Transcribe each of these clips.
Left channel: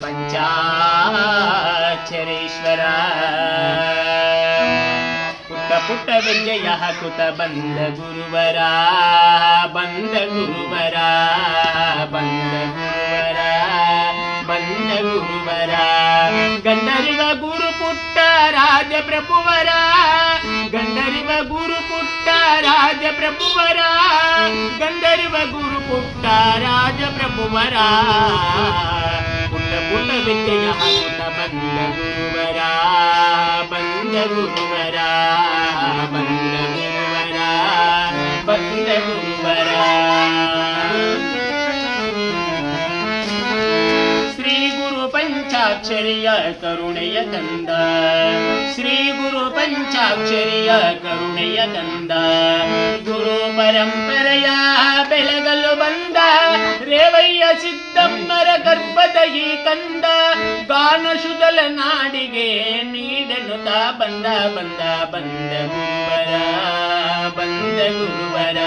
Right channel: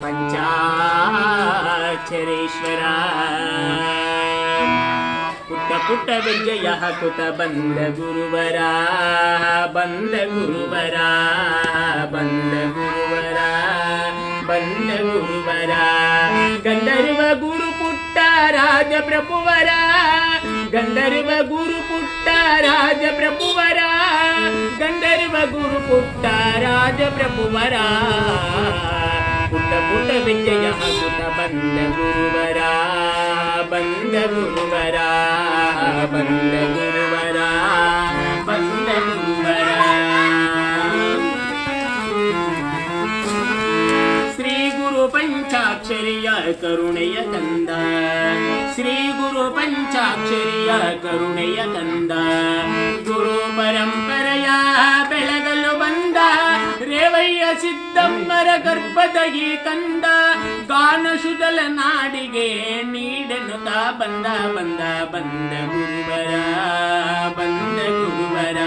ಪಂಚಾಕ್ಷರೇಶ್ವರ ಪುಟ್ಟ ಪುಟ್ಟ ವಿಜಯ ಕುತ ಬಂದ ಗುರುವರ ಬಂದ ಗುರುವರ ಬಂದ ಗುರುವರ ಬಂದ ಗುರುವರ ಗಂಧರ್ವ ಗುರು ಪುಟ್ಟ ರಾಜ ಪ್ರಭುವರ ಗಂಧರ್ವ ಗುರು ಪುಟ್ಟ ವಿಜಯ ಬಂದ ಗುರುವರ ಬಂದ ಗುರುವರ ಬಂದ ಗುರುವರ ಬಂದ ಗುರುವರ ಶ್ರೀ ಗುರು ಪಂಚಾಕ್ಷರಿಯ ಕರುಣೆಯ ತಂದ, ಶ್ರೀ ಗುರು ಪಂಚಾಕ್ಷರಿಯ ಕರುಣೆಯ ತಂದ, ಗುರು ಪರಂಪರೆಯ ಬೆಳಗಲು ಬಂದ ರೇವಯ್ಯ ಸಿದ್ದಮ್ಮರ ಗರ್ಭದ ಈ ತಂದ ಗಾನ ನಾಡಿಗೆ ನೀಡನು ನೀಡನುತ ಬಂದ ಬಂದ ಬಂದ ಗುರುವರ ಬಂದ ಗುರುವರ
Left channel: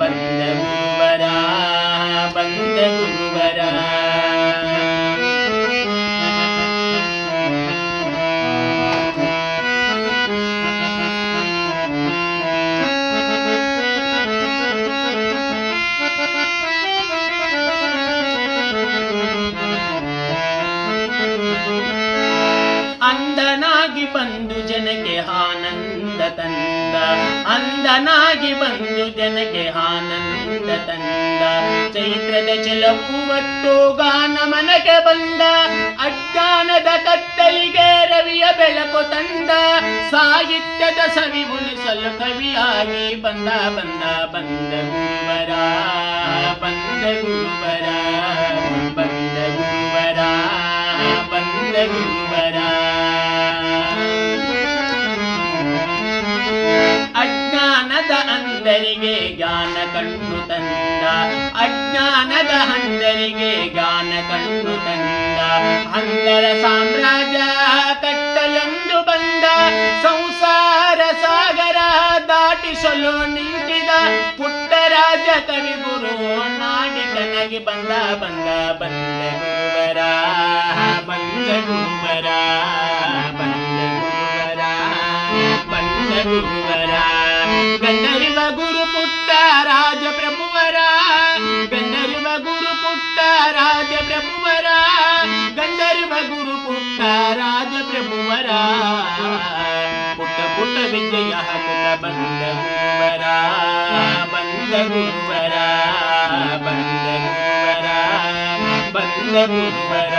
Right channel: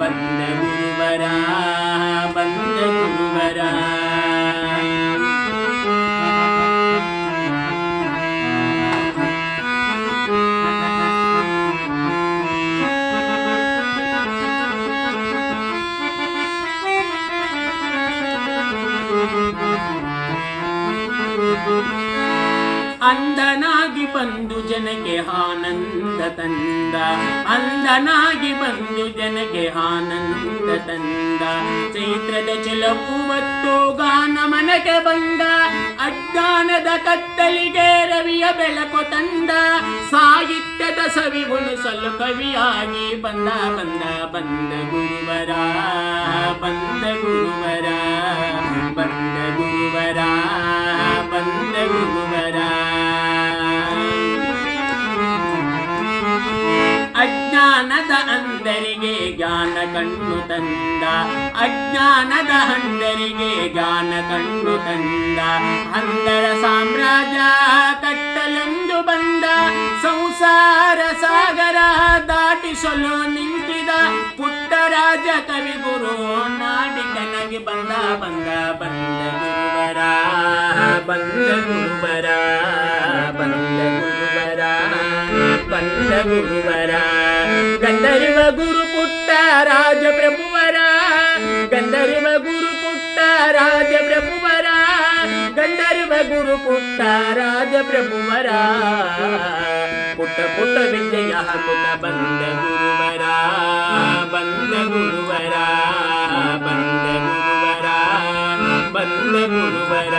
ಬಂದ ಗುರುವರ ಬಂದ ಗುರುವರ. ಅಂದನಾಗಿ ಬಂದು ಜನಕ್ಕೆ ಆನಂದ ತಂದ. ಅಂದನಾಗಿ ಬಂದು ಜನಕ್ಕೆ ಆನಂದ ತಂದ. ಚೈತ್ರದ ಚಲಪು ಮತ್ತು ಗಾನ ಮನಕ್ಕೆ ಬಂದ. ಅಜ್ಞಾನದ ಕತ್ತಲಿಗೆ ರವಿಯ ಬೆಳಕು ತಂದ. ಸಾಹಿತ್ಯದ ಸವಿ ಉಳಿಸಲು ಕವಿಯಾಗಿ ಬಂದ ಬಂದ ಬಂದ ಗುರುವರ ಬಂದ ಗುರುವರ. ಬಂದ ಗುರುವರ ಅಜ್ಞಾನದ ಅಂದರಿಗೆ ಜ್ಞಾನ ಕಣ್ಣು ತಂದ ಅಜ್ಞಾನದ ಅಂದರಿಗೆ ಜ್ಞಾನ ಕಣ್ಣು ತಂದ ಅಂದರ ಸಾಮ್ರಾಜ್ಯ ಕಟ್ಟಲೆಂದು ಬಂದ ಸಂಸಾರ ಸಾಗರ ದಾಟಿಸಲು ನಿಂತಿದ ಪುಟ್ಟರಾಜ ಕವಿ ಗುರು ನಾಡಿ ನನಗೆ ಬಂದ ಬಂದ ಬಂದ ಗುರುವರ ಬಂದ ಗುರುವರ ಬಂದ ಗುರುವರ ಬಂದ ಗುರುವರ ಗಂಧರ್ವ ಗುರು ಪುಟ್ಟ ರಾಜ ಪ್ರಭುವರ ಗಂಧರ್ವ ಗುರು ಪುಟ್ಟ ರಾಜ ಪ್ರಭುವರ ಗಂಧರ್ವ ಗುರು ಪುಟ್ಟ ರಾಜ ಪ್ರಭುವರ ಪುಟ್ಟ ಪುಟ್ಟ ವಿಜಯ ಹಾಕುತ್ತ ಬಂದ ಗುರುವರ ಬಂದ ಗುರುವರ ಬಂದ ಗುರುವರ ಬಂದ ಗುರುವರ